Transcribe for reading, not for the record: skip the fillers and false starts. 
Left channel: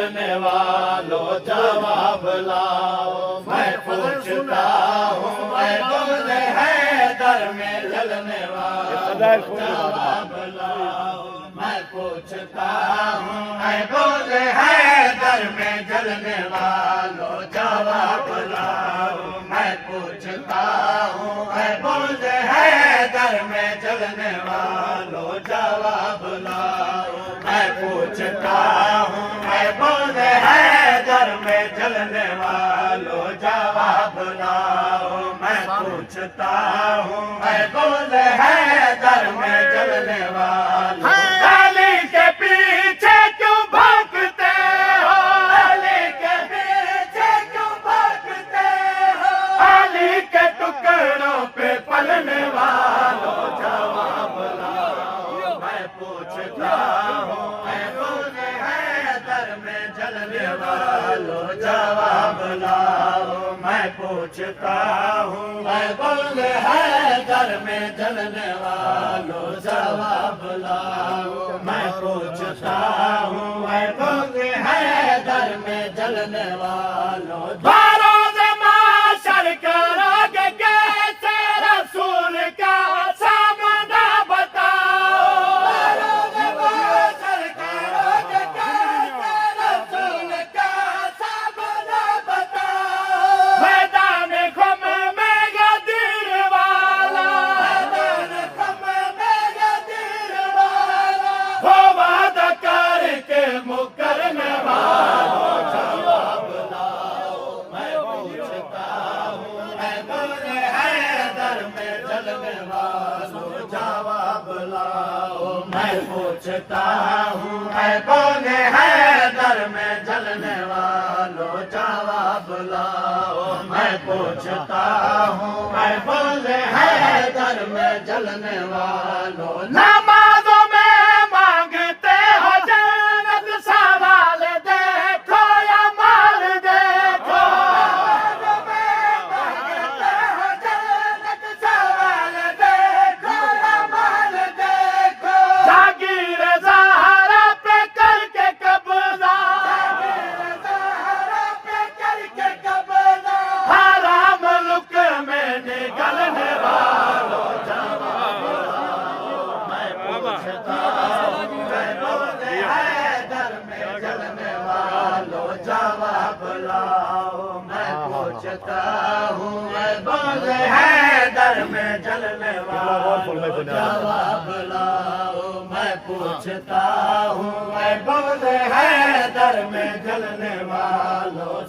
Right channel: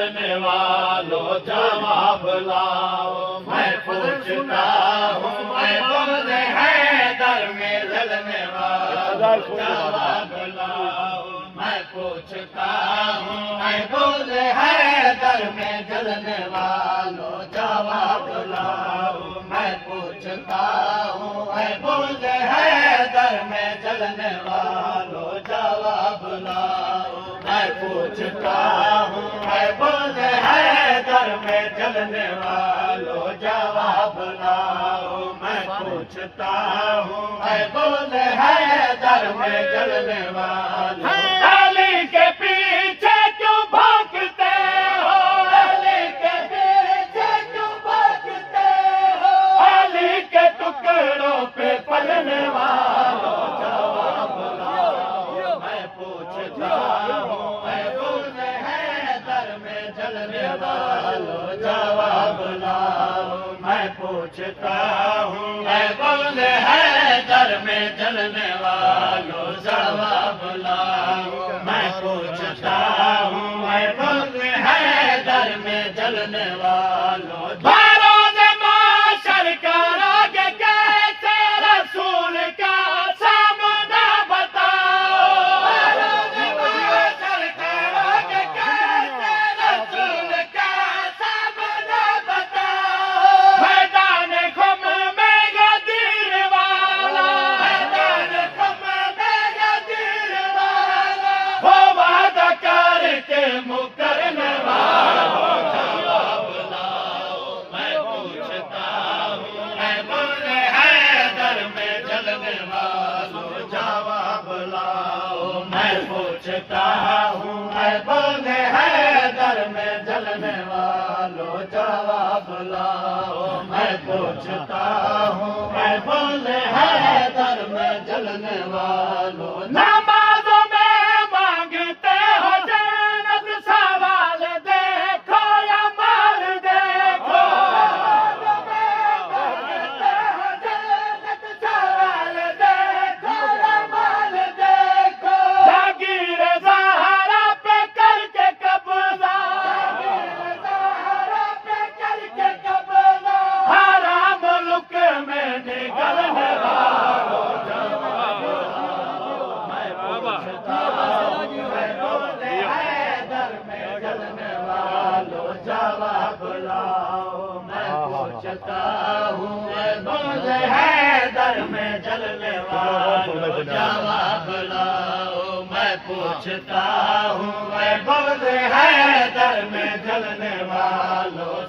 جلنے والوں جواب لاؤ، میں پوچھتا ہوں اے بغض حیدر میں جلنے والوں جواب لاؤ، میں پوچھتا ہوں اے بغض حیدر میں جلنے والوں جواب لاؤ، میں پوچھتا ہوں اے بغض حیدر میں جلنے والوں جواب لاؤ، میں پوچھتا ہوں اے بغض حیدر میں جلنے والوں جواب لاؤ، میں پوچھتا ہوں اے بغض حیدر میں جلنے والوں علی کے پیچھے کیوں بھاگتے ہو، علی کے پیچھے کیوں بھاگتے ہو، علی کے ٹکڑوں پہ پلنے والوں جواب لاؤ، میں پوچھتا ہوں اے بغض حیدر میں جلنے والوں جواب لاؤ، میں پوچھتا ہوں اے بغض حیدر میں جلنے والوں جواب لاؤ، میں پوچھتا ہوں اے بغض حیدر میں جلنے والوں بروز معاشر کرو گے کیسے رسول کا سامنا بتاؤ، بروز معاشر کرو گے کیسے رسول کا سامنا بتاؤ، میدان غم میں غدیر والا، میدان غم میں غدیر والا، وہ وعدہ کر کے مکرنے والا جواب لاؤ، میں پوچھتا ہوں اے بغض حیدر میں جلنے والوں جواب لاؤ، میں پوچھتا ہوں اے بغض حیدر میں جلنے والوں جواب لاؤ، میں پوچھتا ہوں اے بغض حیدر میں جلنے والوں نمازوں میں مانگتے ہو جنت سوال دیکھو یا مال دیکھو، نمازوں میں مانگتے ہو جنت سوال دیکھو یا مال دیکھو، جاگیر زہرا پہ کر کے قبضہ، جاگیر زہرا پہ کر کے قبضہ، حرام ملک میں نگلنے والوں جواب لاؤ، میں پوچھتا ہوں اے بغض حیدر میں جلنے والوں جواب لاؤ، میں پوچھتا ہوں اے بغض حیدر میں جلنے والوں جواب لاؤ، میں پوچھتا ہوں اے بغض حیدر میں جلنے والوں